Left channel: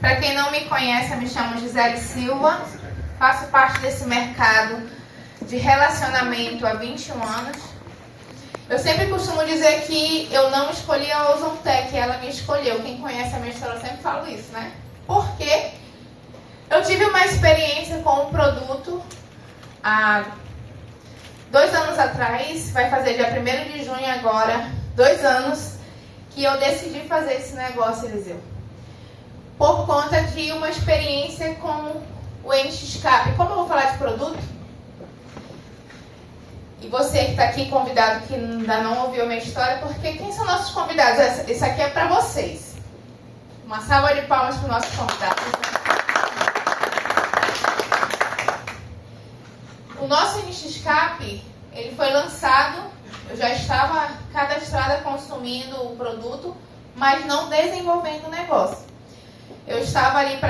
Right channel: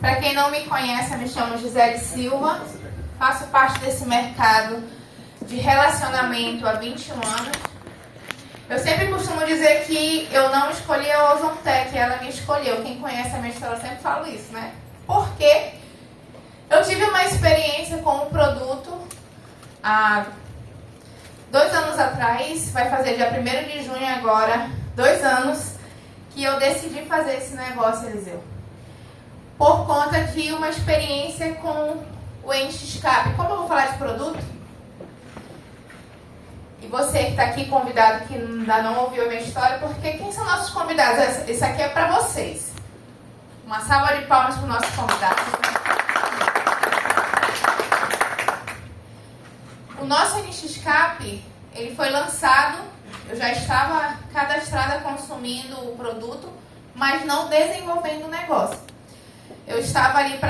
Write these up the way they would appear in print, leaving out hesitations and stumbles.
Para quem não me conhece, eu me chamo Gisele Silva, faço parte desse mercado de relacionamento há 21 anos. Eu sempre costumo dizer que eu não escolhi a Ozontec, ela me escolheu. Quem conhece a minha história, eu sempre falo isso, né? Porque eu tive uma experiência com o produto há 2 anos atrás, vai fazer dia 1º de junho agora, 2 anos, que eu decidi fazer esse negócio, Eliseu. Por conta de uma experiência com o NXCap. Como eu vou falar de produto, e você que está aqui convidado, que ainda não ouviu a minha história, porque quem são nossos convidados? Esse aqui é para vocês. Uma salva de palmas para o nosso convidado. O nosso NXCap, ele foi lançado, eu já estava cadastrada consumindo o produto, mas não desenvolvendo o negócio. Eu estava ali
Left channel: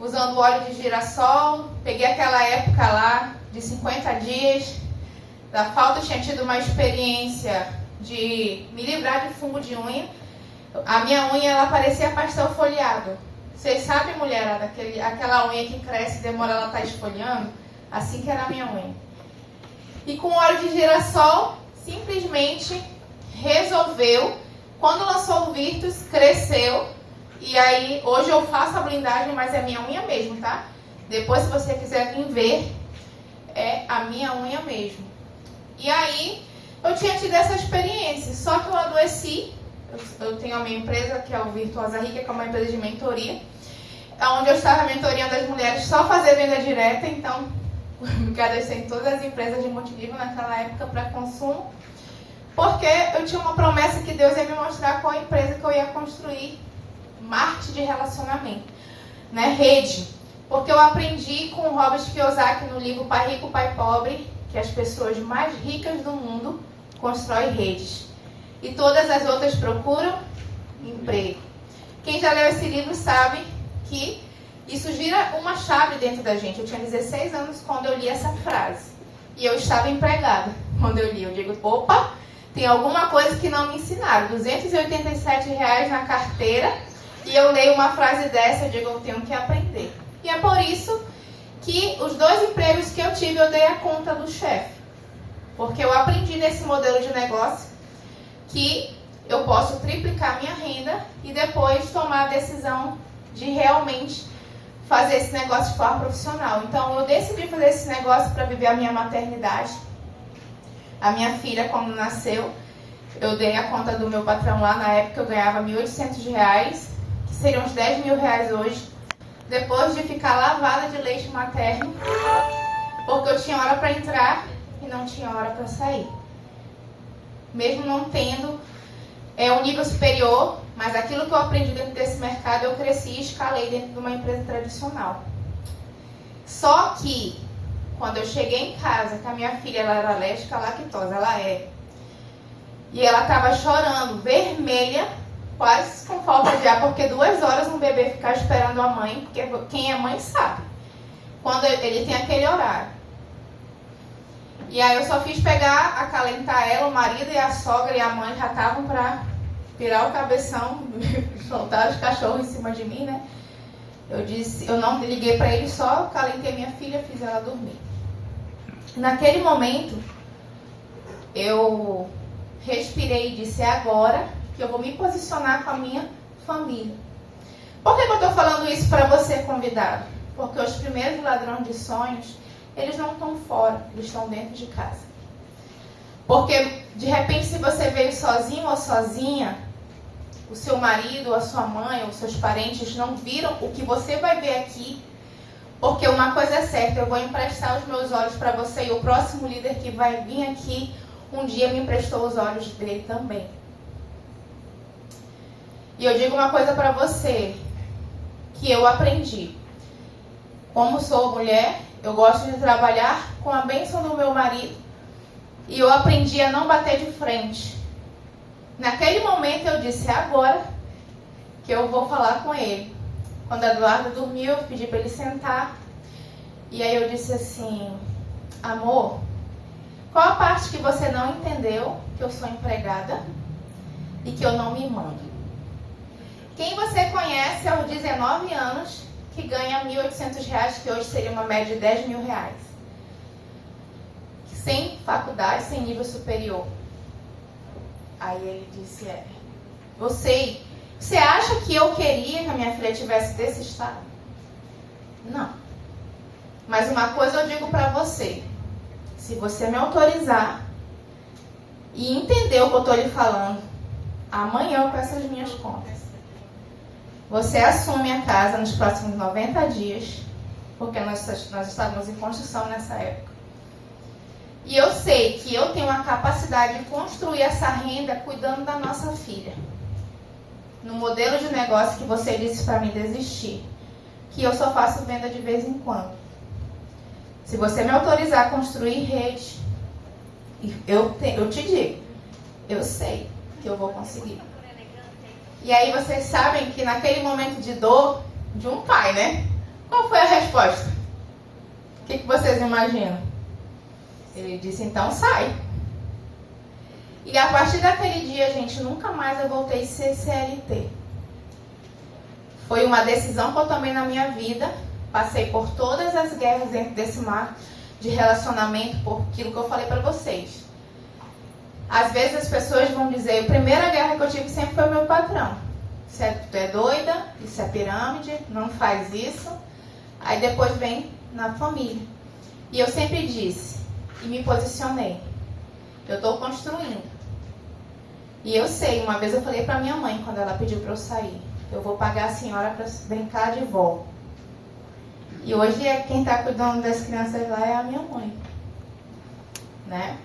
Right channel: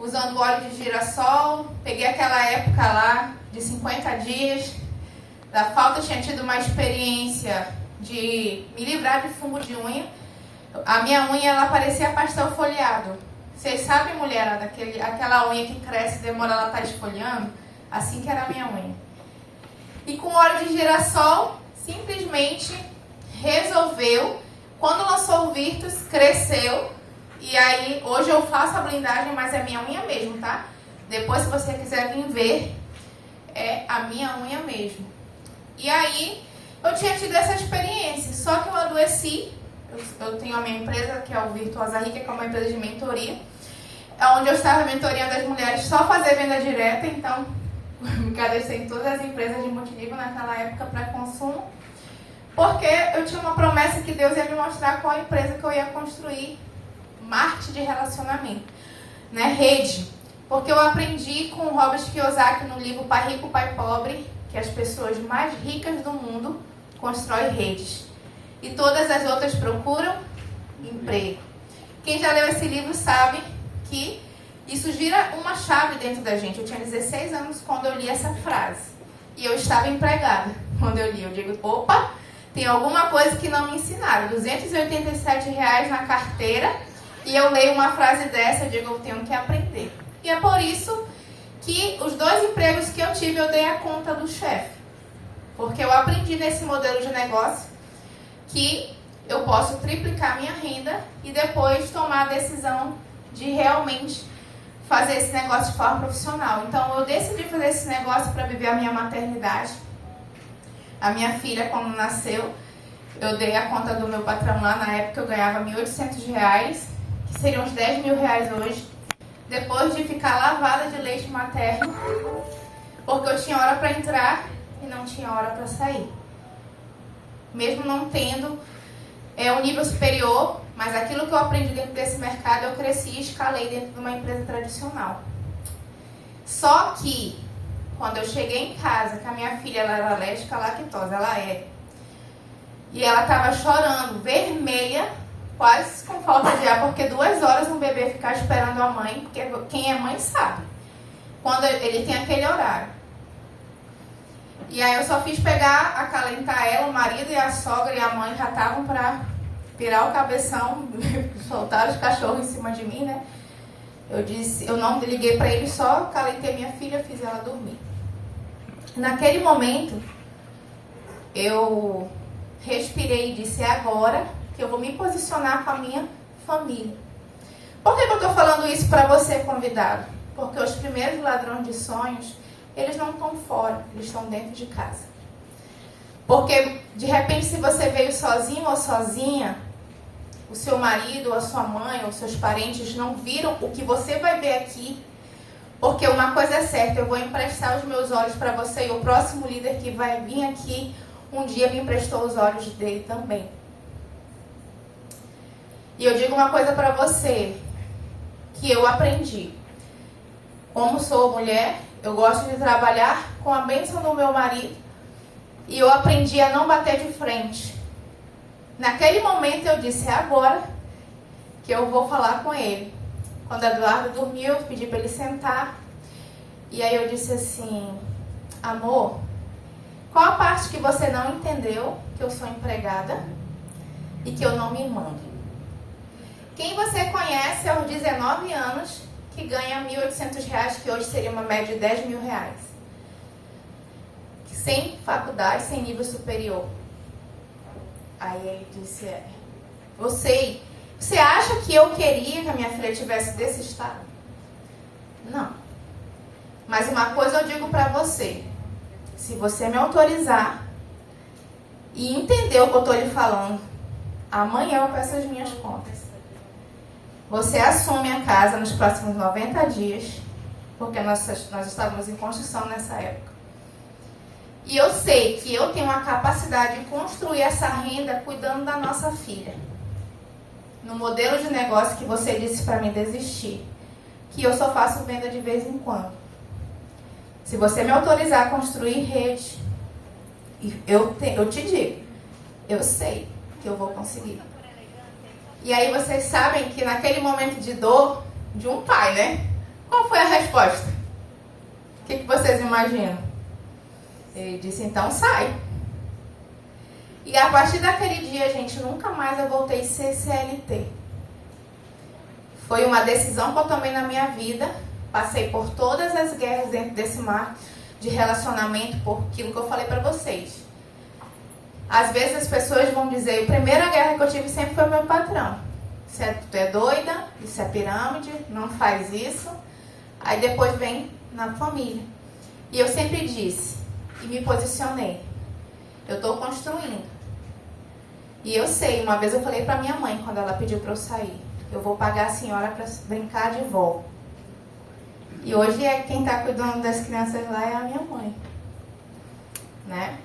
usando óleo de girassol, peguei aquela época lá de 50 dias, da falta, eu tinha tido uma experiência de me livrar de fungo de unha. A minha unha, ela parecia pastel folheado. Vocês sabem, mulherada, aquela unha que cresce e demora, ela tá esfoliando? Assim que era a minha unha. E com óleo de girassol, simplesmente resolveu. Quando lançou o Virtus, cresceu. E aí, hoje eu faço a blindagem, mas é minha unha mesmo, tá? Depois, se você quiser vir ver, é a minha unha mesmo. E aí, eu tinha tido essa experiência, só que eu adoeci. Eu tenho a minha empresa, que é o Virtuosa Rica, que é uma empresa de mentoria, onde eu estava mentoriando as mulheres só fazer venda direta, então me cadastrei em todas as empresas de multinível naquela época para consumo, porque eu tinha uma promessa que Deus ia me mostrar qual empresa que eu ia construir, marketing de relacionamento, né? Rede. Porque eu aprendi com o Robert Kiyosaki no livro Pai Rico, Pai Pobre, que as pessoas mais ricas do mundo constroem redes. E todas as outras procuram emprego. Quem já leu esse livro sabe que isso gira uma chave dentro da gente. Eu tinha 16 anos quando eu li essa frase. E eu estava empregada quando eu li. Eu digo, opa, tem alguma coisa que não me ensinaram. R$287 na carteira. E eu leio uma frase dessa, eu digo, eu tenho que aprender. E é por isso que os 2 empregos que eu tive, eu dei a conta do chefe. Porque eu aprendi nesse modelo de negócio que eu posso triplicar minha renda e depois tomar a decisão de realmente fazer esse negócio de forma profissional. Então, eu decidi fazer esse negócio para viver a minha maternidade. A minha filha, quando nasceu, eu dei a conta do meu patrão lá. Na época, eu ganhava R$1.800, que seriam uns R$10 mil hoje. Depois de ficar lavada de leite materno, porque eu tinha hora para entrar e não tinha hora para sair. Mesmo não tendo um nível superior, mas aquilo que eu aprendi dentro desse mercado, eu cresci e escalei dentro de uma empresa tradicional. Só que, quando eu cheguei em casa, que a minha filha ela era alérgica à lactose, ela é, e ela estava chorando, vermelha, quase com falta de ar, porque 2 horas no bebê ficar esperando a mãe, porque quem é mãe sabe, quando ele tem aquele horário. E aí eu só fiz pegar, acalentar ela, o marido e a sogra e a mãe já estavam para virar o cabeção, soltar os cachorros em cima de mim, né? Eu não liguei para ele, só acalentei minha filha, fiz ela dormir. Naquele momento, eu respirei e disse, é agora que eu vou me posicionar com a minha família. Por que eu estou falando isso para você, convidado? Porque os primeiros ladrões de sonhos, eles não estão fora, eles estão dentro de casa. Porque, de repente, se você veio sozinho ou sozinha, o seu marido, ou a sua mãe, ou seus parentes não viram o que você vai ver aqui. Porque uma coisa é certa, eu vou emprestar os meus olhos para você e o próximo líder que vai vir aqui, um dia me emprestou os olhos dele também. E eu digo uma coisa para você, que eu aprendi. Como sou mulher, eu gosto de trabalhar com a bênção do meu marido. E eu aprendi a não bater de frente. Naquele momento eu disse, é agora que eu vou falar com ele. Quando a Eduardo dormiu, eu pedi para ele sentar. E aí eu disse assim, amor, qual a parte que você não entendeu que eu sou empregada e que eu não me mando? Quem você conhece aos 19 anos que ganha R$ 1.800, que hoje seria uma média de R$ 10.000? Sem faculdade, sem nível superior. Aí ele disse, eu sei. Você acha que eu queria que a minha filha tivesse desse estado? Não. Mas uma coisa eu digo para você. Se você me autorizar e entender o que eu estou lhe falando, amanhã eu peço as minhas contas. Você assume a casa nos próximos 90 dias, porque nós estávamos em construção nessa época. E eu sei que eu tenho a capacidade de construir essa renda cuidando da nossa filha. No modelo de negócio que você disse para mim desistir, que eu só faço venda de vez em quando. Se você me autorizar a construir rede, eu te digo, eu sei que eu vou conseguir. E aí vocês sabem que naquele momento de dor de um pai, né? Qual foi a resposta? O que vocês imaginam? Ele disse, então sai. E a partir daquele dia, gente, nunca mais eu voltei a ser CLT. Foi uma decisão que eu tomei na minha vida. Passei por todas as guerras dentro desse mar de relacionamento, por aquilo que eu falei para vocês. Às vezes as pessoas vão dizer, a primeira guerra que eu tive sempre foi o meu patrão. Tu é doida, isso é pirâmide, não faz isso. Aí depois vem na família. E eu sempre disse, e me posicionei, eu estou construindo. E eu sei, uma vez eu falei para minha mãe, quando ela pediu para eu sair, eu vou pagar a senhora para brincar de vó. E hoje quem está cuidando das crianças lá é a minha mãe. Né?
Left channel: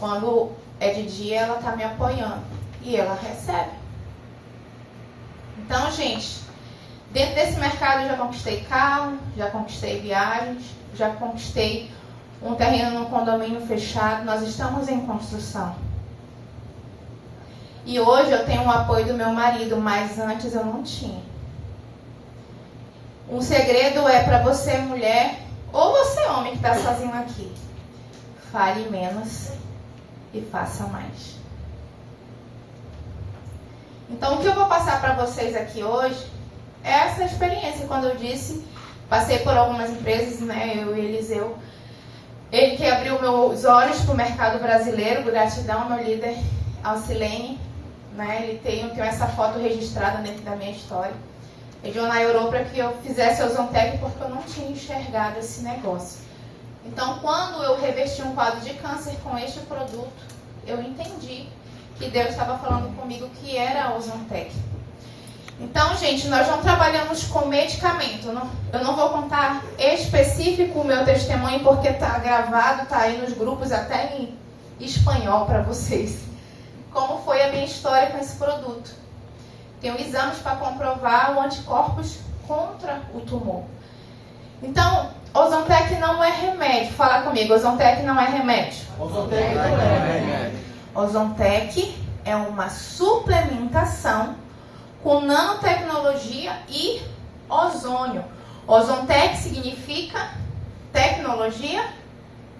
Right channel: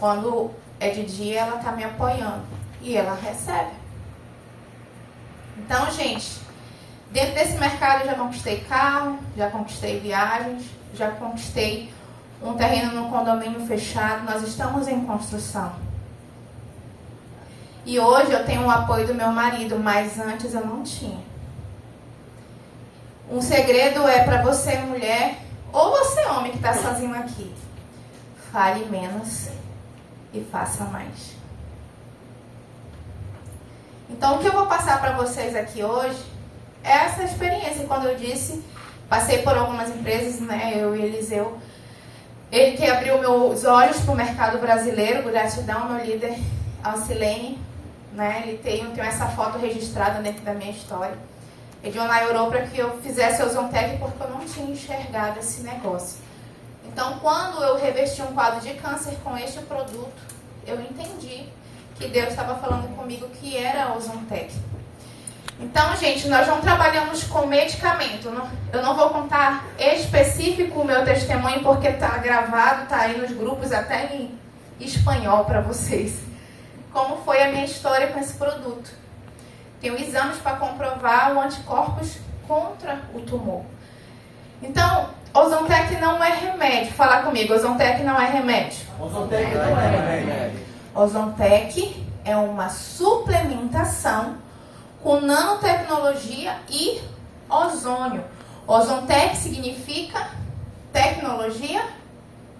Quando é de dia, ela está me apoiando. E ela recebe. Então, gente, dentro desse mercado eu já conquistei carro, já conquistei viagens, já conquistei um terreno num condomínio fechado. Nós estamos em construção. E hoje eu tenho o apoio do meu marido, mas antes eu não tinha. Um segredo é para você, mulher, ou você, homem, que está sozinho aqui. Fale menos e faça mais. Então, o que eu vou passar para vocês aqui hoje é essa experiência. Quando eu disse, passei por algumas empresas, né, eu e Eliseu. Ele que abriu meus olhos para o mercado brasileiro, gratidão, meu líder, Alcilene. Né, ele tem essa foto registrada dentro da minha história. Ele na Europa para que eu fizesse o Ozontec porque eu não tinha enxergado esse negócio. Então, quando eu revesti um quadro de câncer com este produto, eu entendi que Deus estava falando comigo que era o Ozontec. Então, gente, nós não trabalhamos com medicamento. Eu não vou contar específico o meu testemunho porque está gravado, está aí nos grupos até em espanhol para vocês. Como foi a minha história com esse produto. Tenho exames para comprovar o anticorpos contra o tumor. Então, Ozontec não é remédio. Fala comigo, Ozontec não é remédio. Ozontec não é remédio. Ozontec é uma suplementação com nanotecnologia e ozônio. Ozontec significa tecnologia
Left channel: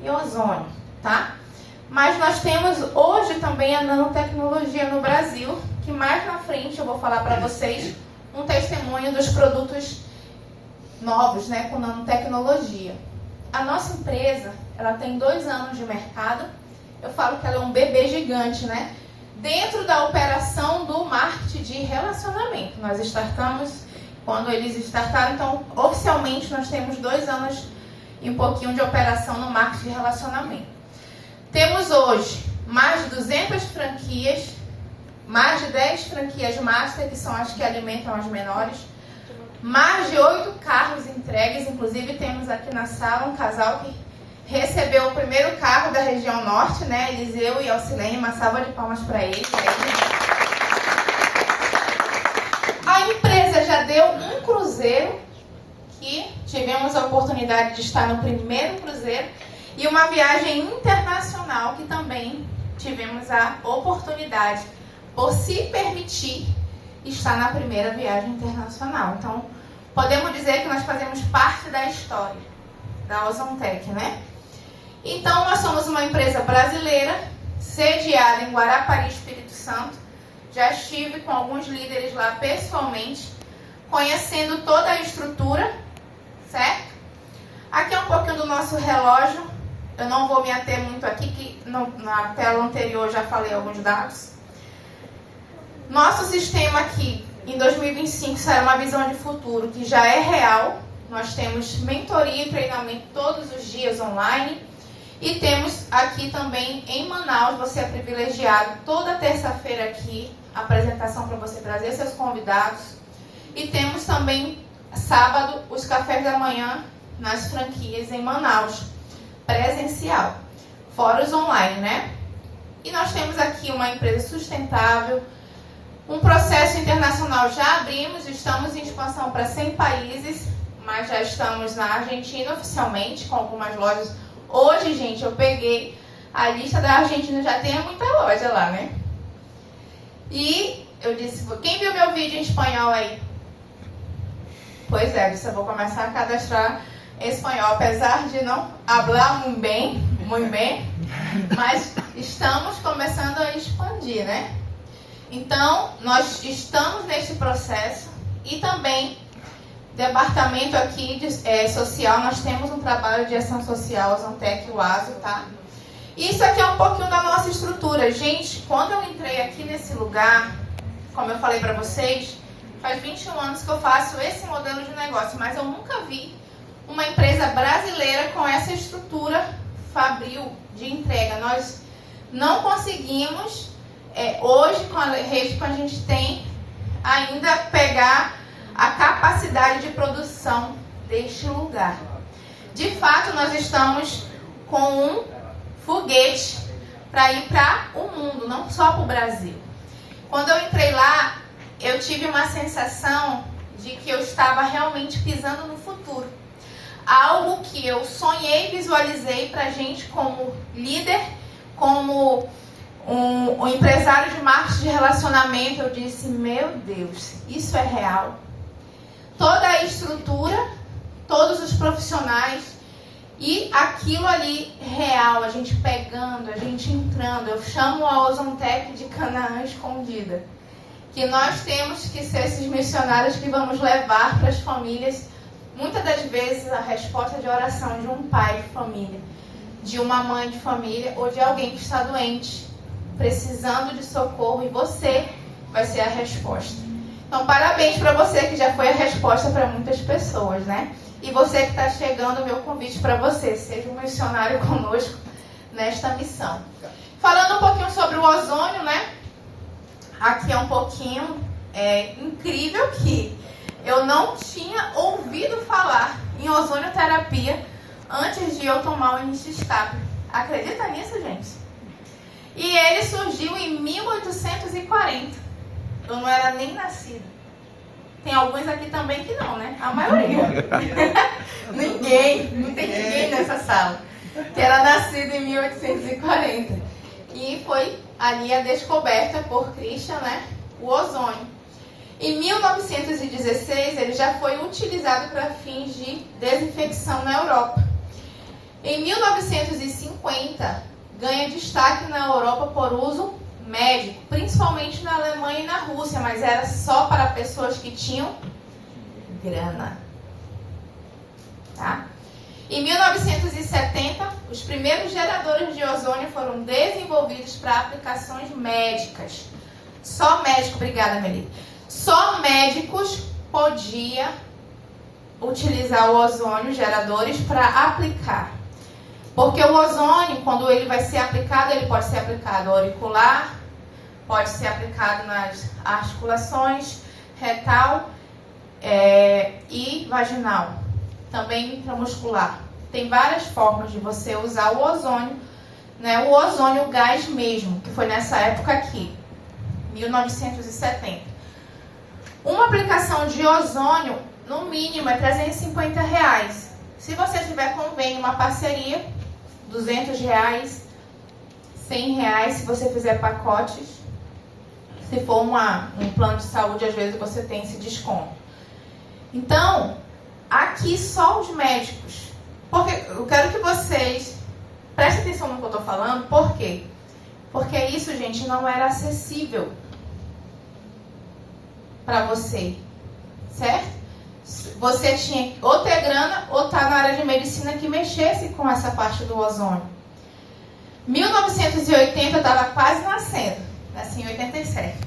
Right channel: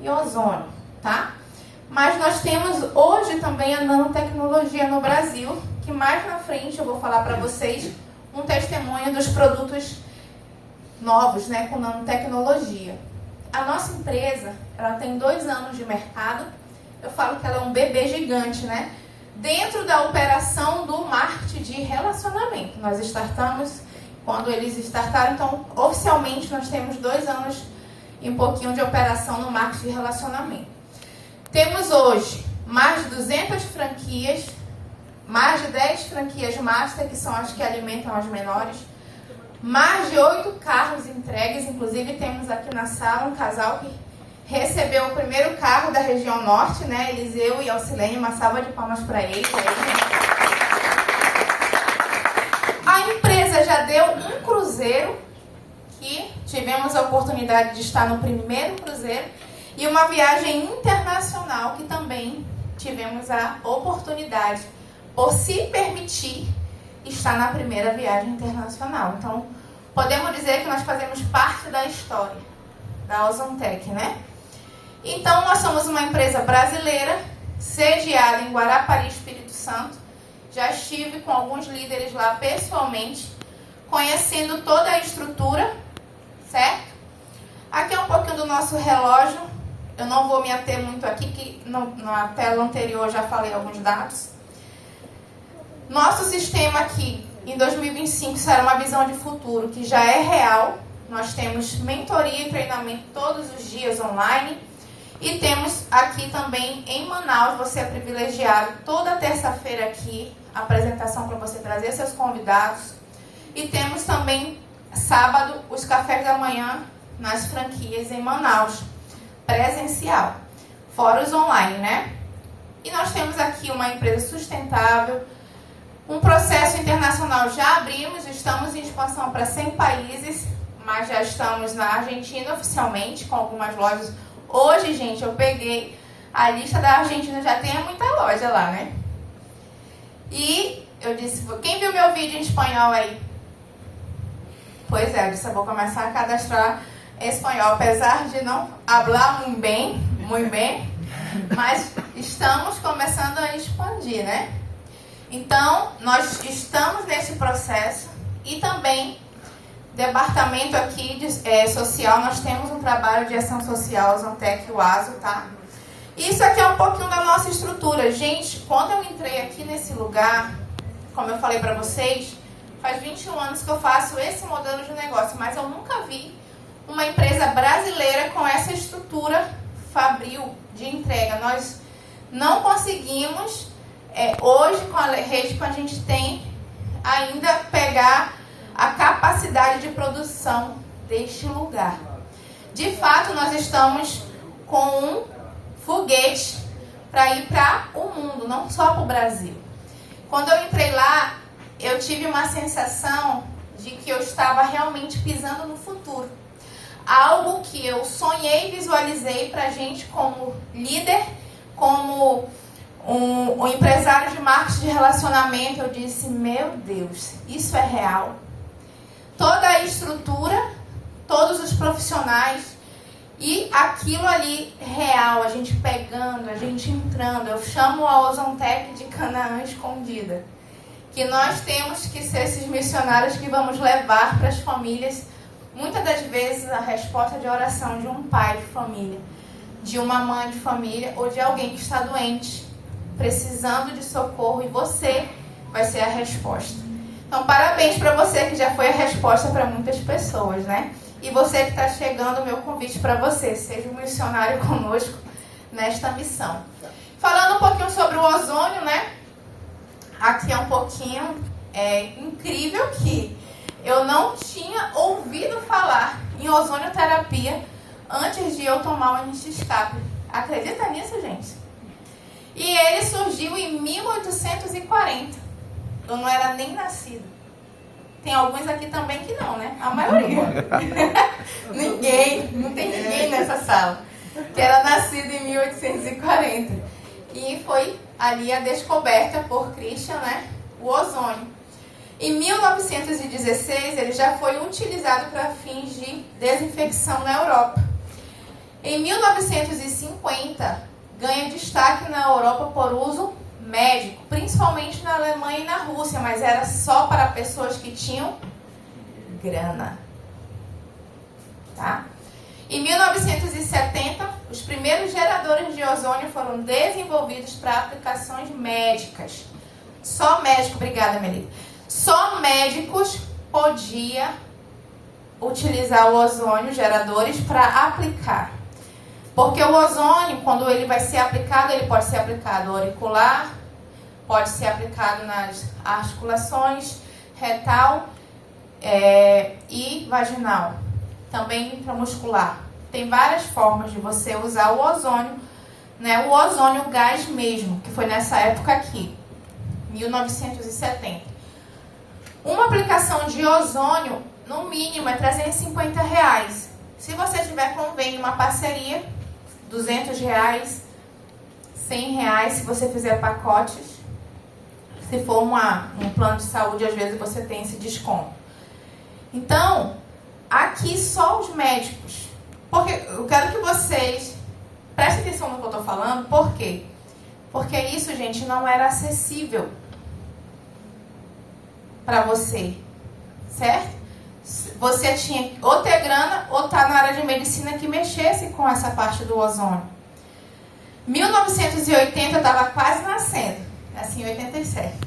e ozônio, tá? Mas nós temos hoje também a nanotecnologia no Brasil, que mais na frente eu vou falar para vocês um testemunho dos produtos novos, né, com nanotecnologia. A nossa empresa, ela tem 2 anos de mercado. Eu falo que ela é um bebê gigante, né? Dentro da operação do marketing de relacionamento. Nós startamos quando eles startaram, então oficialmente nós temos 2 anos e um pouquinho de operação no marketing de relacionamento. Temos hoje mais de 200 franquias, mais de 10 franquias master, que são as que alimentam as menores, mais de 8 carros entregues, inclusive temos aqui na sala um casal que recebeu o primeiro carro da região norte, né? Eliseu e Alcilene, uma salva de palmas para eles. A empresa já deu um cruzeiro, que tivemos a oportunidade de estar no primeiro cruzeiro, e uma viagem internacional que também tivemos a oportunidade, por se permitir, estar na primeira viagem internacional. Então, podemos dizer que nós fazemos parte da história da Ozontec, né? Então, nós somos uma empresa brasileira, sediada em Guarapari, Espírito Santo. Já estive com alguns líderes lá pessoalmente, conhecendo toda a estrutura, certo? Aqui é um pouquinho do nosso relógio. Eu não vou me ater muito aqui, que na tela anterior eu já falei alguns dados. Nosso sistema aqui, em 2025, será uma visão de futuro que já é real. Nós temos mentoria e treinamento todos os dias online. E temos aqui também em Manaus, você é privilegiado, toda terça-feira aqui, apresentação para você trazer seus convidados. E temos também sábado os cafés da manhã nas franquias em Manaus, presencial, fora os online, né? E nós temos aqui uma empresa sustentável, um processo internacional já abrimos, estamos em expansão para 100 países, mas já estamos na Argentina oficialmente, com algumas lojas. Hoje, gente, eu peguei a lista da Argentina, já tem muita loja lá, né? E eu disse, quem viu meu vídeo em espanhol aí? Pois é, eu disse, eu vou começar a cadastrar espanhol, apesar de não falar muito bem, mas estamos começando a expandir, né? Então, nós estamos nesse processo e também departamento aqui social, nós temos um trabalho de ação social, Zantec e o ASO, tá? Isso aqui é um pouquinho da nossa estrutura. Gente, quando eu entrei aqui nesse lugar, como eu falei para vocês, faz 21 anos que eu faço esse modelo de negócio, mas eu nunca vi uma empresa brasileira com essa estrutura fabril de entrega. Nós não conseguimos, hoje, com a rede que a gente tem, ainda pegar a capacidade de produção deste lugar. De fato, nós estamos com um foguete para ir para o mundo, não só para o Brasil. Quando eu entrei lá, eu tive uma sensação de que eu estava realmente pisando no futuro. Algo que eu sonhei e visualizei para a gente como líder, como um empresário de marketing de relacionamento. Eu disse, meu Deus, isso é real. Toda a estrutura, todos os profissionais e aquilo ali real, a gente pegando, a gente entrando. Eu chamo a Ozontec de Canaã escondida. Que nós temos que ser esses missionários que vamos levar para as famílias, muitas das vezes, a resposta de oração de um pai de família, de uma mãe de família ou de alguém que está doente, precisando de socorro, e você vai ser a resposta. Então, parabéns para você que já foi a resposta para muitas pessoas, né? E você que está chegando, o meu convite para você, seja um missionário conosco nesta missão. Falando um pouquinho sobre o ozônio, né? Aqui é um pouquinho incrível que eu não tinha ouvido falar em ozonioterapia antes de eu tomar o Iniscap. Acredita nisso, gente? E ele surgiu em 1840. Eu não era nem nascida. Tem alguns aqui também que não, né? A maioria. Não tem ninguém nessa sala que era nascido em 1840. E foi ali a descoberta por Christian, né? O ozônio. Em 1916, ele já foi utilizado para fins de desinfecção na Europa. Em 1950, ganha destaque na Europa por uso médico, principalmente na Alemanha e na Rússia, mas era só para pessoas que tinham grana. Tá? Em 1970, os primeiros geradores de ozônio foram desenvolvidos para aplicações médicas. Só médico, obrigada, Melita. Só médicos podiam utilizar o ozônio, geradores, para aplicar. Porque o ozônio, quando ele vai ser aplicado, ele pode ser aplicado auricular, pode ser aplicado nas articulações, retal e vaginal. Também intramuscular. Tem várias formas de você usar o ozônio, né? O ozônio gás mesmo, que foi nessa época aqui, 1970. Uma aplicação de ozônio, no mínimo, é R$350. Se você tiver convênio, uma parceria, R$200, R$100, se você fizer pacotes. Se for um plano de saúde, às vezes você tem esse desconto. Então, aqui só os médicos. Porque eu quero que vocês prestem atenção no que eu estou falando. Por quê? Porque isso, gente, não era acessível. para você, certo? Você tinha ou ter grana ou estar na área de medicina que mexesse com essa parte do ozônio. 1980 eu estava quase nascendo, assim, em 87.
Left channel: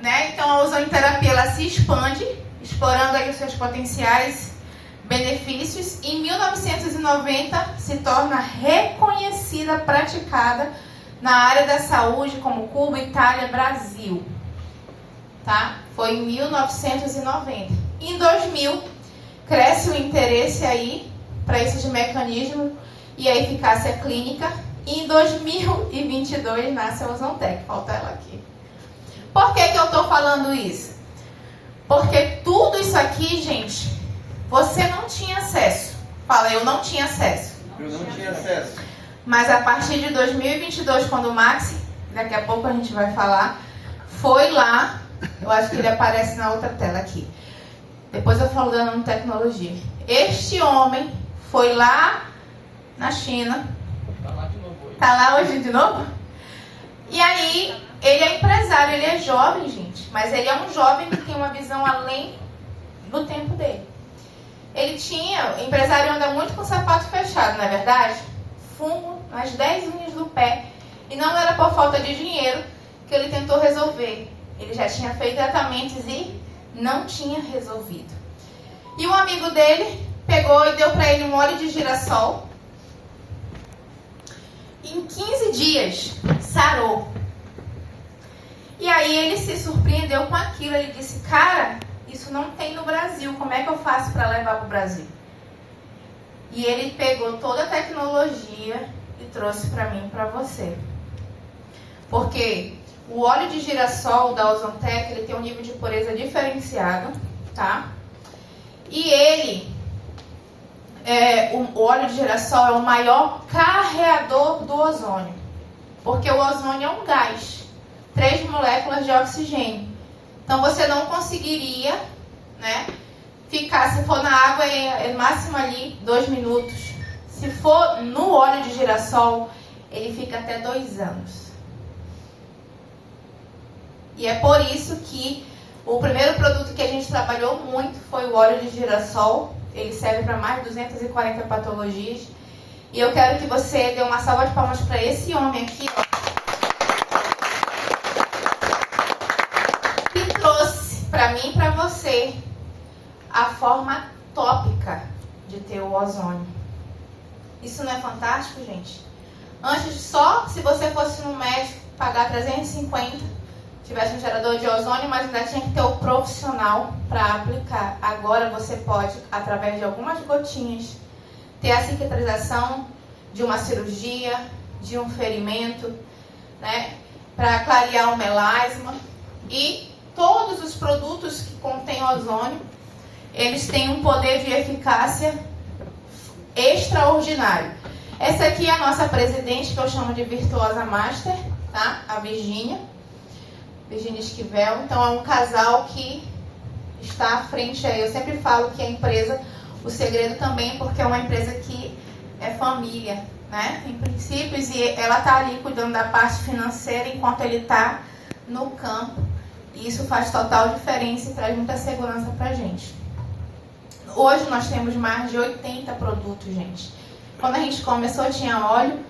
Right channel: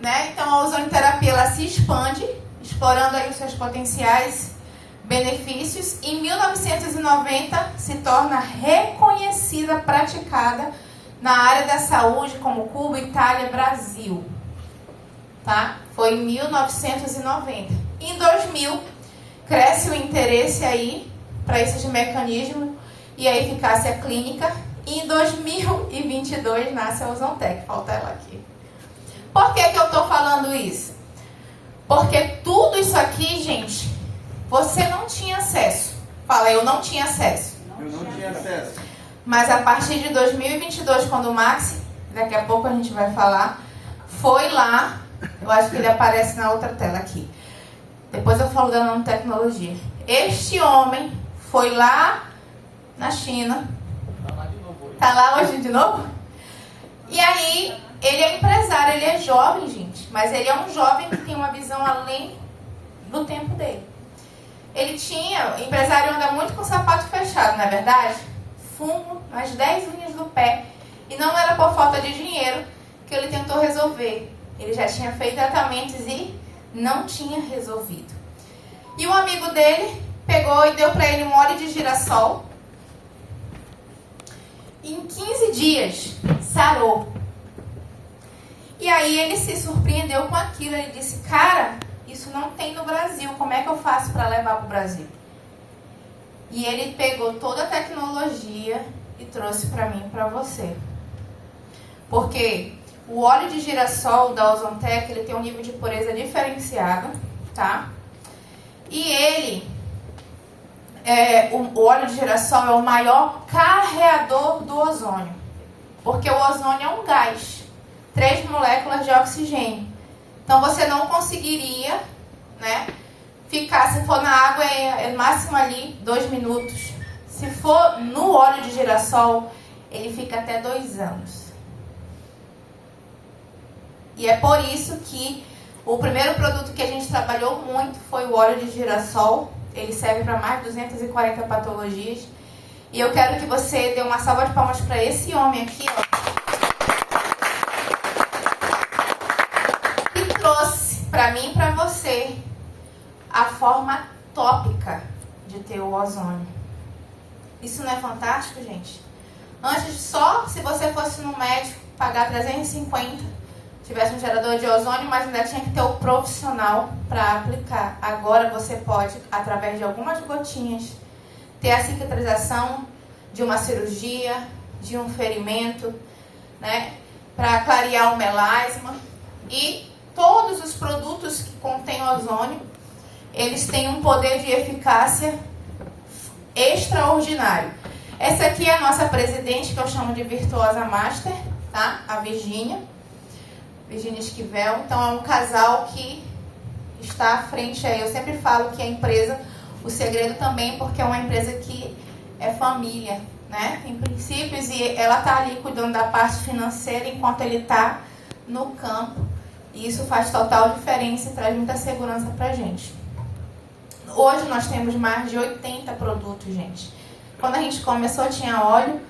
Né? Então a ozonioterapia ela se expande, explorando aí os seus potenciais benefícios. Em 1990 se torna reconhecida, praticada na área da saúde como Cuba, Itália, Brasil. Tá? Foi em 1990. Em 2000 cresce o interesse aí para esses mecanismos e a eficácia clínica. E em 2022 nasce a Ozontec. Falta ela aqui. Por que eu estou falando isso? Porque tudo isso aqui, gente, você não tinha acesso. Fala, eu não tinha acesso. Eu não tinha acesso. Mas a partir de 2022, quando o Maxi, daqui a pouco a gente vai falar, foi lá, eu acho que ele aparece na outra tela aqui. Depois eu falo da nanotecnologia. Este homem foi lá na China. Tá lá hoje de novo? E aí, ele é empresário, ele é jovem, gente. Mas ele é um jovem que tem uma visão além do tempo dele. Ele tinha, empresário anda muito com o sapato fechado, não é verdade? Fumo nas 10 linhas do pé. E não era por falta de dinheiro que ele tentou resolver. Ele já tinha feito tratamentos e não tinha resolvido. E um amigo dele pegou e deu para ele um óleo de girassol. Em 15 dias, sarou. E aí ele se surpreendeu com aquilo. Ele disse, cara, isso não tem no Brasil. Como é que eu faço para levar para o Brasil? E ele pegou toda a tecnologia e trouxe para mim e para você. Porque o óleo de girassol da Ozontec, ele tem um nível de pureza diferenciado, tá? E ele, o óleo de girassol é o maior carreador do ozônio. Porque o ozônio é um gás. 3 moléculas de oxigênio. Então você não conseguiria, né, ficar, se for na água, é máximo ali 2 minutos. Se for no óleo de girassol, ele fica até 2 anos. E é por isso que o primeiro produto que a gente trabalhou muito foi o óleo de girassol. Ele serve para mais de 240 patologias. E eu quero que você dê uma salva de palmas para esse homem aqui, ó. Para mim e para você, a forma tópica de ter o ozônio. Isso não é fantástico, gente? Antes, só se você fosse no médico pagar 350, tivesse um gerador de ozônio, mas ainda tinha que ter o profissional para aplicar. Agora você pode, através de algumas gotinhas, ter a cicatrização de uma cirurgia, de um ferimento, né? Para clarear o melasma. E todos os produtos que contêm ozônio, eles têm um poder de eficácia extraordinário. Essa aqui é a nossa presidente, que eu chamo de Virtuosa Master, tá? A Virgínia Esquivel. Então, é um casal que está à frente aí. Eu sempre falo que a empresa, o segredo também, porque é uma empresa que é família, né? Tem princípios e ela está ali cuidando da parte financeira enquanto ele está no campo. E isso faz total diferença e traz muita segurança para a gente. Hoje nós temos mais de 80 produtos, gente. Quando a gente começou tinha óleo,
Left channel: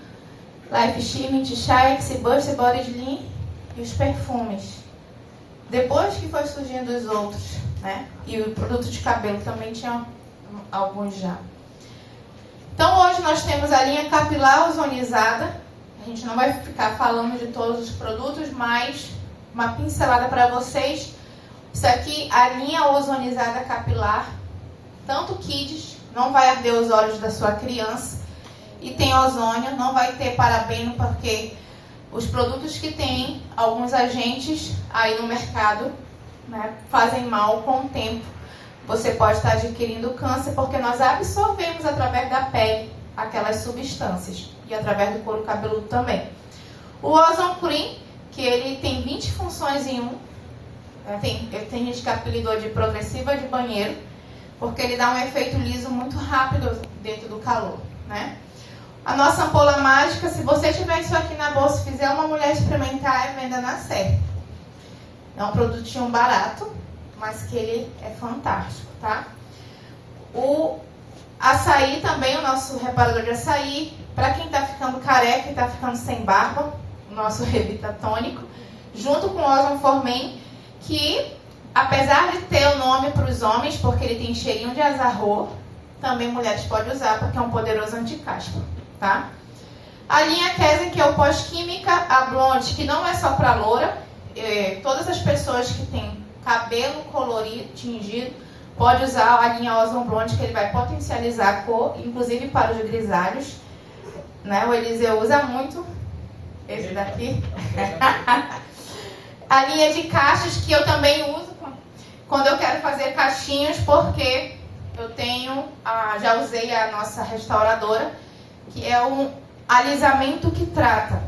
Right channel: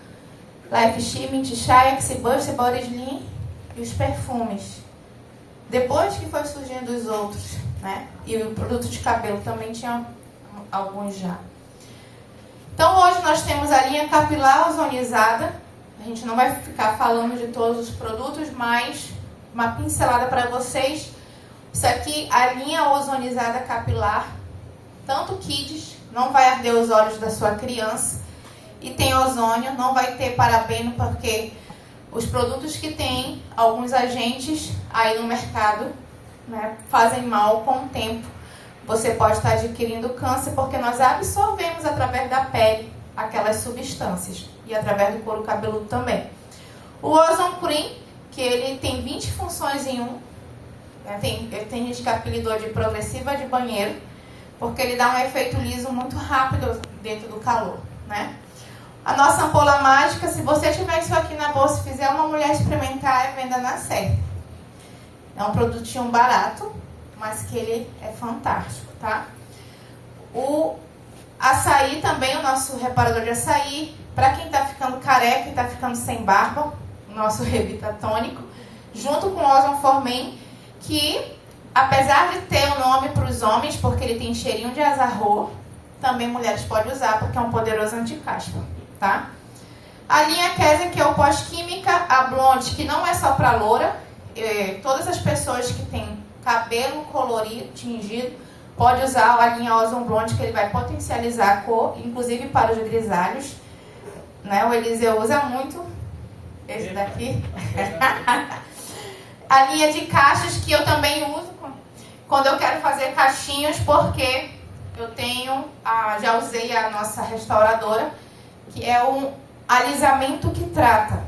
Life Steaming, Chai, Xibust, Body Slim e os perfumes. Depois que foi surgindo os outros, né? E o produto de cabelo também tinha alguns já. Então hoje nós temos a linha capilar ozonizada. A gente não vai ficar falando de todos os produtos, mas uma pincelada para vocês. Isso aqui, a linha ozonizada capilar, tanto Kids, não vai arder os olhos da sua criança. E tem ozônio, não vai ter parabeno, porque os produtos que têm alguns agentes aí no mercado, né, fazem mal com o tempo. Você pode estar adquirindo câncer, porque nós absorvemos através da pele aquelas substâncias. E através do couro cabeludo também. O Ozone Cream, que ele tem 20 funções em um. Tem gente que apelidou de progressiva de banheiro, porque ele dá um efeito liso muito rápido dentro do calor, né? A nossa ampola mágica, se você tiver isso aqui na bolsa e fizer uma mulher experimentar, é venda na certa. É um produtinho barato, mas que ele é fantástico, tá? O açaí também, o nosso reparador de açaí, para quem está ficando careca e está ficando sem barba, o nosso Revita Tônico, junto com o Ozon Formen, que apesar de ter o nome para os homens, porque ele tem cheirinho de azarro, também mulheres podem usar, porque é um poderoso anticaspa, tá? A linha Kesen, que é o pós-química, a blonde, que não é só para loura, todas as pessoas que têm cabelo colorido, tingido, pode usar a linha Ozon Blonde, que ele vai potencializar a cor, inclusive para os grisalhos, né? O Eliseu usa muito esse daqui. A linha de caixas, que eu também uso quando eu quero fazer caixinhos, porque eu tenho, já usei a nossa restauradora, que é um alisamento que trata,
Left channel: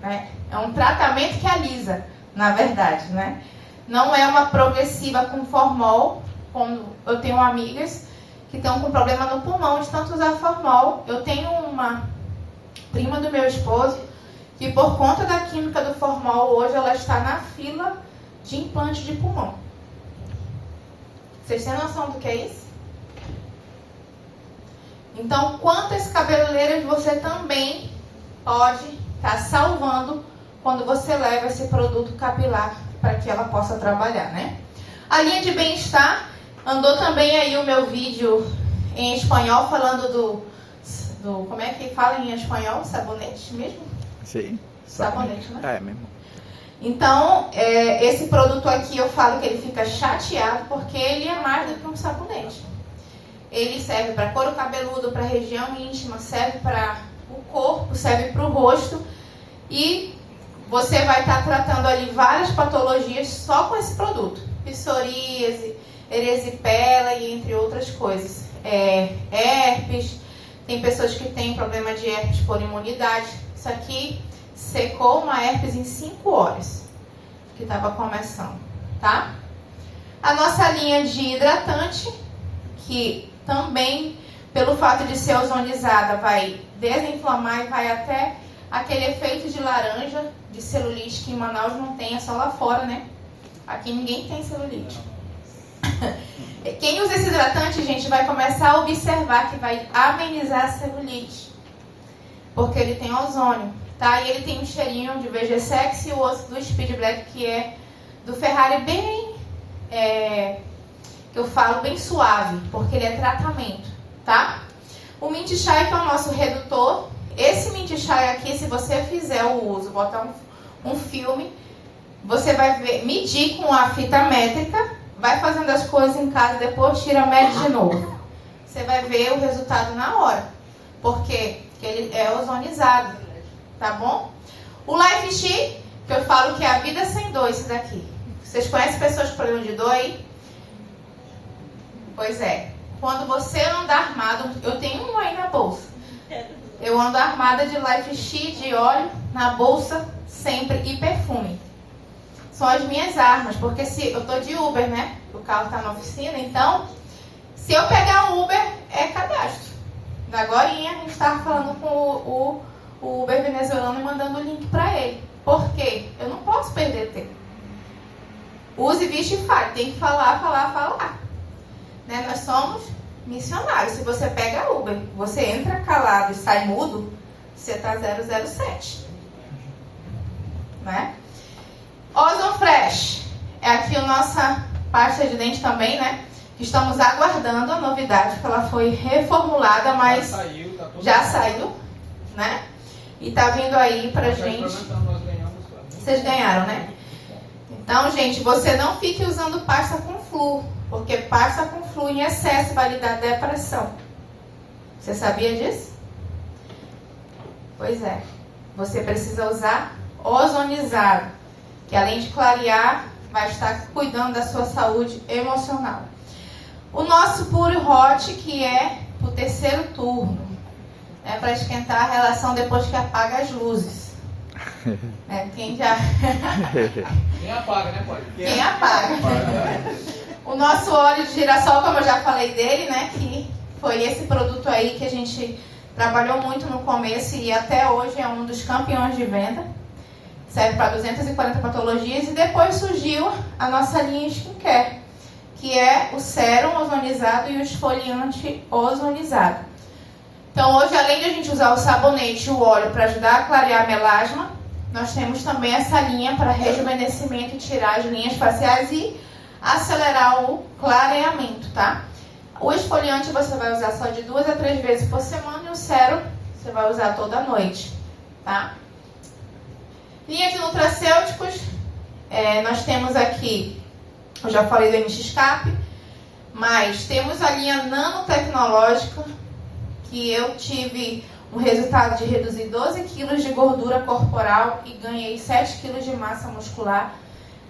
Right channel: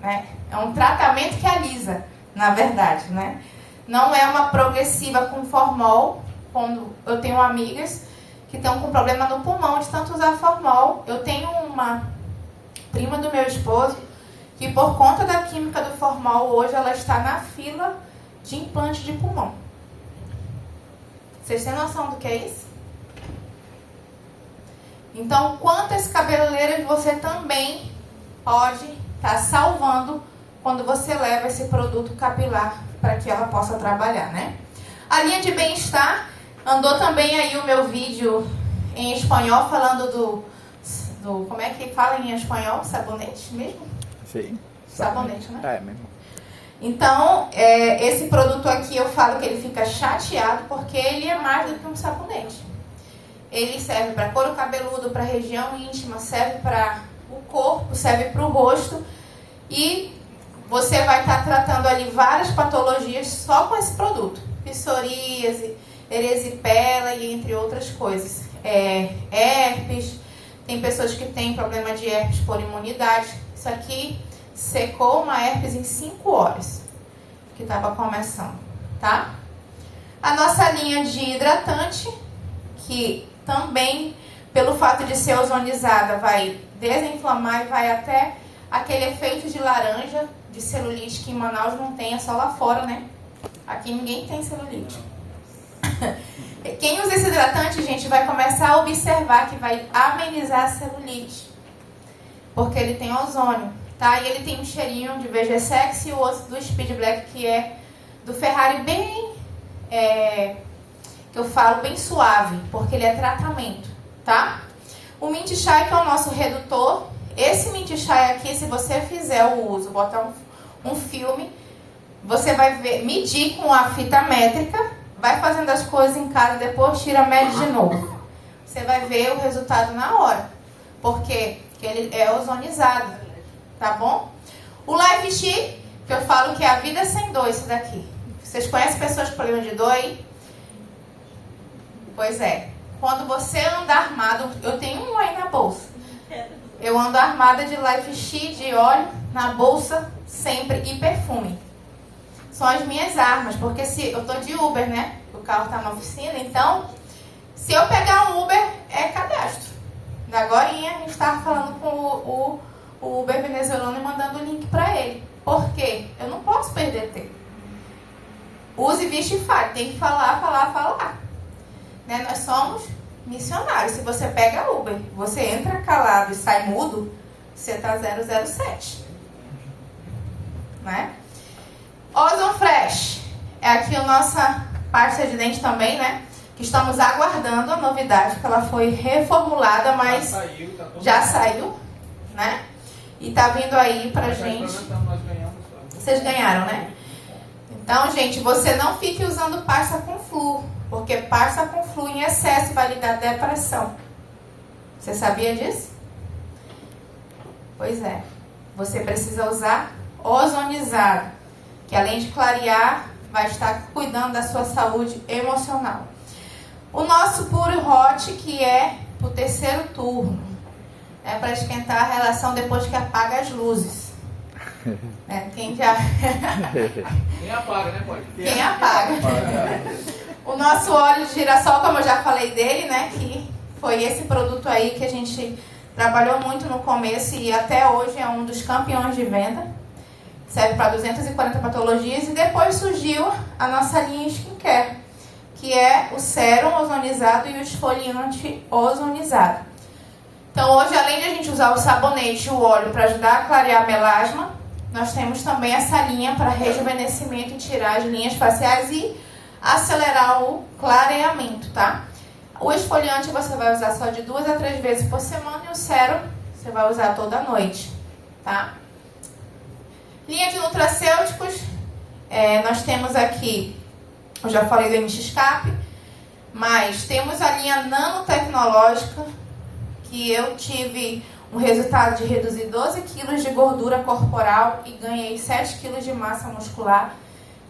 né? É um tratamento que alisa, na verdade, né? Não é uma progressiva com formol, como eu tenho amigas que estão com problema no pulmão de tanto usar formol. Eu tenho uma prima do meu esposo que, por conta da química do formol, hoje ela está na fila de implante de pulmão. Vocês têm noção do que é isso? Então, quantas cabeleireiras você também pode estar salvando quando você leva esse produto capilar para que ela possa trabalhar, né? A linha de bem-estar, andou também aí o meu vídeo em espanhol falando do como é que fala em espanhol? Sabonete mesmo? Sim. Sabonete, né? É mesmo. Então, esse produto aqui eu falo que ele fica chateado porque ele é mais do que um sabonete. Ele serve para couro cabeludo, para região íntima, serve para o corpo, serve para o rosto. E você vai estar tratando ali várias patologias só com esse produto. Psoríase, erisipela e entre outras coisas. Herpes, tem pessoas que têm problema de herpes por imunidade. Isso aqui secou uma herpes em 5 horas, que estava começando, tá? A nossa linha de hidratante, que também, pelo fato de ser ozonizada, vai desinflamar e vai até aquele efeito de laranja, de celulite, que em Manaus não tem, é só lá fora, né? Aqui ninguém tem celulite. Quem usa esse hidratante, gente, vai começar a observar que vai amenizar a celulite, porque ele tem ozônio, tá? E ele tem um cheirinho de VG Sex e o outro do Speed Black, que é do Ferrari, bem, que eu falo, bem suave, porque ele é tratamento, tá? O Mint Chai, que é o nosso redutor. Esse Mint Chai aqui, se você fizer o uso, botar um filme, você vai medir com a fita métrica, vai fazendo as coisas em casa, depois tira, mede de novo. Você vai ver o resultado na hora, porque ele é ozonizado, tá bom? O Life Chi, que eu falo que é a vida sem dor, isso daqui. Vocês conhecem pessoas com problema de dor aí? Pois é. Quando você anda armado, eu tenho um aí na bolsa. Eu ando armada de Life Chi, de óleo, na bolsa, sempre, e perfume. São as minhas armas, porque se eu tô de Uber, né? O carro tá na oficina, então, se eu pegar um Uber, é cadastro. Agorinha, a gente estava falando com o Uber venezuelano e mandando o link para ele. Por quê? Eu não posso perder tempo. Use, viste e fale. Tem que falar. Né? Nós somos missionários. Se você pega Uber, você entra calado e sai mudo, você tá 007. Né? Ozon Fresh. É aqui a nossa pasta de dente também, né? Que estamos aguardando a novidade, que ela foi reformulada, mas já saiu, né? E tá vindo aí pra gente. Vocês ganharam, né? Então, gente, você não fique usando pasta com flúor, porque pasta com flúor em excesso vai lhe dar depressão. Você sabia disso? Pois é. Você precisa usar ozonizado, que além de clarear, vai estar cuidando da sua saúde emocional. O nosso Puro Hot, que é o terceiro turno, é para esquentar a relação depois que apaga as luzes. Quem apaga, né, pode? Quem apaga. O nosso óleo de girassol, como eu já falei dele, né, que foi esse produto aí que a gente trabalhou muito no começo e até hoje é um dos campeões de venda. serve para 240 patologias. E depois surgiu a nossa linha skincare, que é o sérum ozonizado e o esfoliante ozonizado. Então hoje, além de a gente usar o sabonete e o óleo para ajudar a clarear a melasma, nós temos também essa linha para rejuvenescimento e tirar as linhas faciais e acelerar o clareamento, tá? O esfoliante você vai usar só de 2 a 3 vezes por semana e o sérum você vai usar toda noite, tá? Linha de nutracêuticos, nós temos aqui, eu já falei do NX-Cap, mas temos a linha nanotecnológica, que eu tive um resultado de reduzir 12 quilos de gordura corporal e ganhei 7 quilos de massa muscular.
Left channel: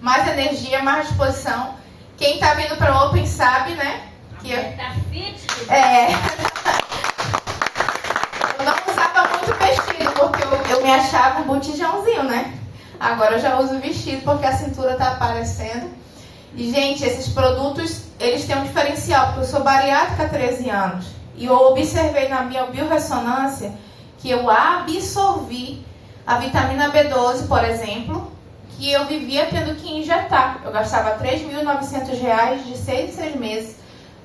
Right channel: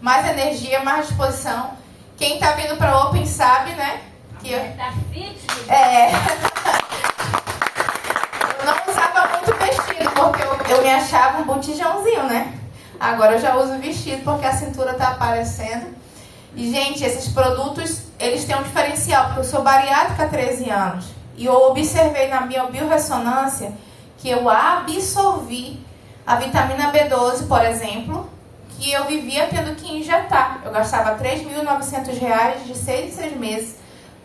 Mais energia, mais disposição. Quem está vindo para o Open sabe, né? Que tá fit? Eu não usava muito vestido, porque eu me achava um botijãozinho, né? Agora eu já uso vestido, porque a cintura está aparecendo. E, gente, esses produtos, eles têm um diferencial, porque eu sou bariátrica há 13 anos. E eu observei na minha biorressonância que eu absorvi a vitamina B12, por exemplo, que eu vivia tendo que injetar. Eu gastava R$ 3.900 de 6 em 6 meses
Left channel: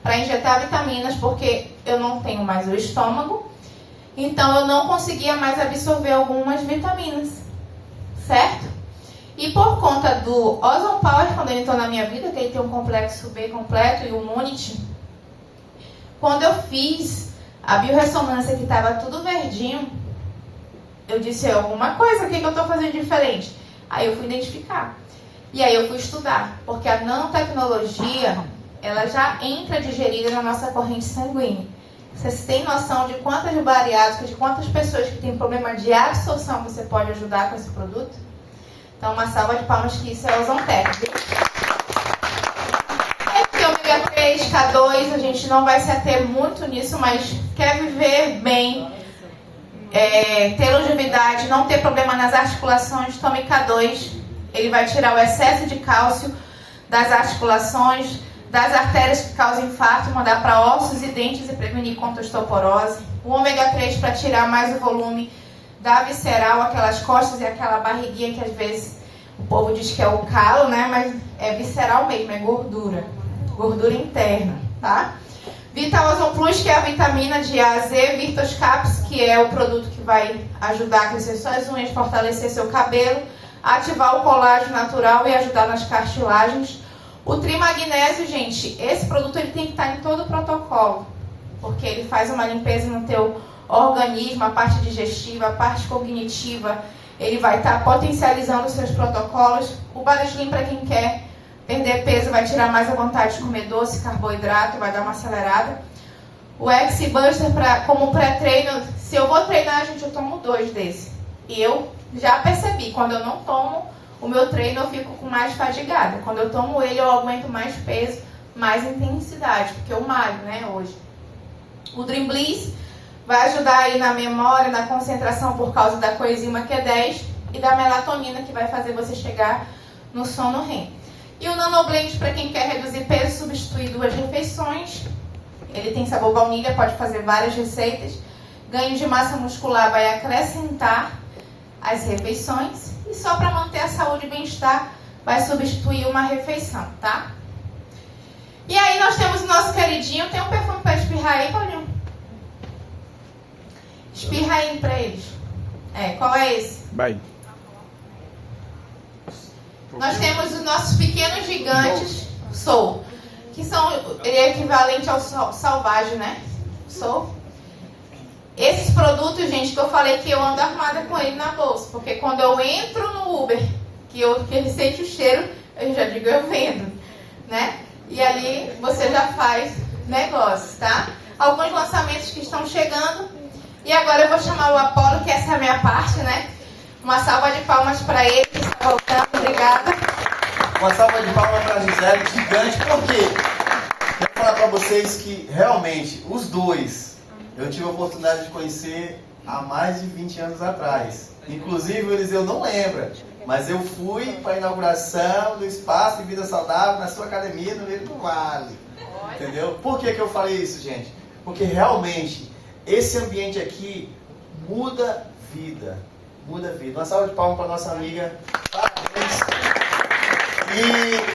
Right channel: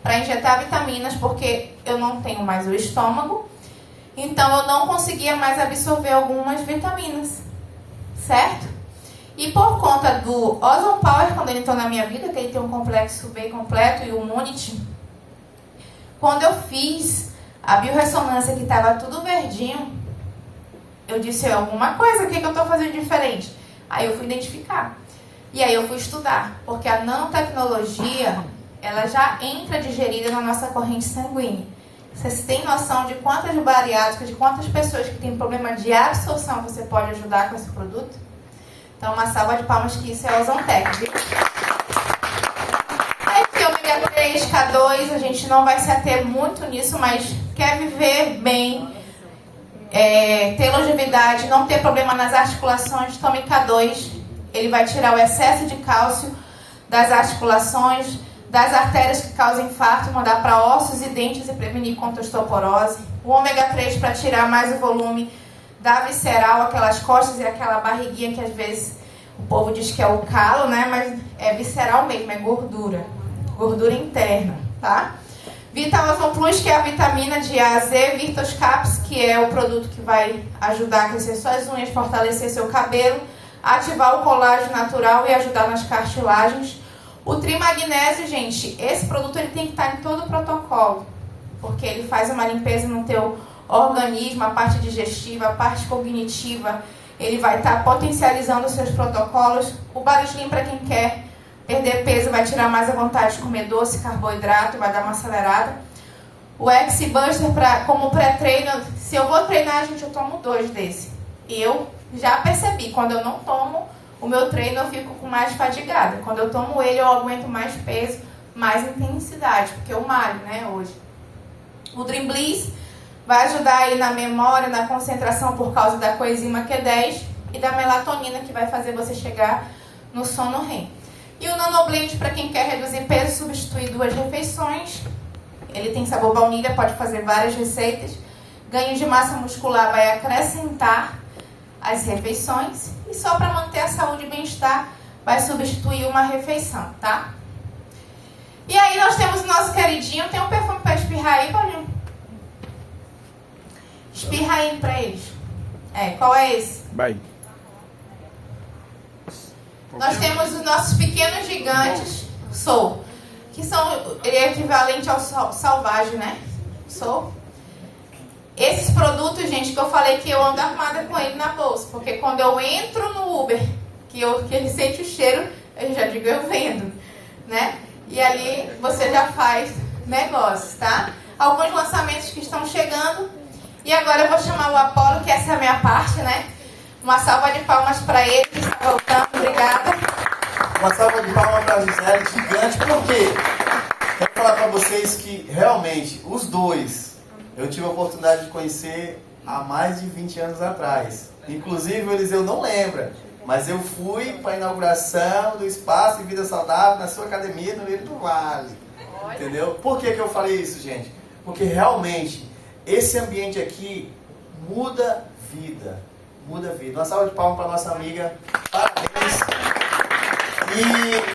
para injetar vitaminas, porque eu não tenho mais o estômago, então eu não conseguia mais absorver algumas vitaminas, certo? E por conta do Ozone Power, quando ele entrou na minha vida, que ele tem um complexo B completo e o Immunity, quando eu fiz a biorressonância que estava tudo verdinho, eu disse, alguma coisa, o que eu estou fazendo diferente? Aí eu fui identificar. E aí eu fui estudar, porque a nanotecnologia, ela já entra digerida na nossa corrente sanguínea. Vocês têm noção de quantas bariátricas, de quantas pessoas que têm problema de absorção você pode ajudar com esse produto? Então, uma salva de palmas, que isso é Ozontec, viu? Ômega 3, K2, a gente não vai se ater muito nisso, mas quer viver bem, ter longevidade, não ter problema nas articulações, tome K2. Ele vai tirar o excesso de cálcio das articulações, das artérias que causam infarto, mandar para ossos e dentes e prevenir contra a osteoporose. O ômega 3 para tirar mais o volume da visceral, aquelas costas e aquela barriguinha que às vezes o povo diz que é o calo, né? Mas é visceral mesmo, é gordura. Gordura interna, tá? Vital Ozone Plus, que é a vitamina de A a Z. Virtus Caps, que é o produto que vai ajudar a crescer suas unhas, fortalecer seu cabelo, ativar o colágeno natural e ajudar nas cartilagens. O Trimagnésio, gente, esse produto ele tem que estar em todo o protocolo, porque ele faz uma limpeza no teu organismo, a parte digestiva, a parte cognitiva, ele vai estar potencializando os seus protocolos. O Baroslim, para quem quer perder peso, vai tirar mais a vontade de comer doce, carboidrato, vai dar uma acelerada. O X-Buster, como pré-treino, se eu vou treinar, gente, eu tomo 2 desse. E eu já percebi, quando eu não tomo o meu treino, eu fico com mais fadigada. Quando eu tomo ele, eu aguento mais peso, mais intensidade, porque eu malho, né, hoje. O Dream Bliss vai ajudar aí na memória, na concentração por causa da coenzima Q10 e da melatonina, que vai fazer você chegar no sono REM. E o Nanoblend, para quem quer reduzir peso e substituir 2 refeições. Ele tem sabor baunilha, pode fazer várias receitas. Ganho de massa muscular vai acrescentar as refeições. E só para manter a saúde e bem-estar, vai substituir uma refeição, tá? E aí nós temos o nosso queridinho. Tem um perfume para espirrar aí, Paulinho? Espirra aí para eles. Qual é esse? Vai. Nós temos os nossos pequenos gigantes, Soul, que ele é equivalente ao Salvage, né? Soul. Esses produtos, gente, que eu falei que eu ando arrumada com ele na bolsa, porque quando eu entro no Uber, que ele sente o cheiro, eu já digo, eu vendo, né? E ali você já faz negócios, tá? Alguns lançamentos que estão chegando. E agora eu vou chamar o Apolo, que essa é a minha parte, né? Uma salva de palmas para ele, que está voltando. Obrigada. Uma salva de palmas para a Gisele, gigante. Por quê? Quero falar para vocês que, realmente, os dois, eu tive a oportunidade de conhecer há mais de 20 anos atrás. Inclusive, o Eliseu não lembra, mas eu fui para a inauguração do Espaço de Vida Saudável na sua academia no Rio do Vale. Entendeu? Por que eu falei isso, gente? Porque, realmente, esse ambiente aqui muda vida. muda a vida. Uma salva de palmas para nossa amiga. Parabéns. E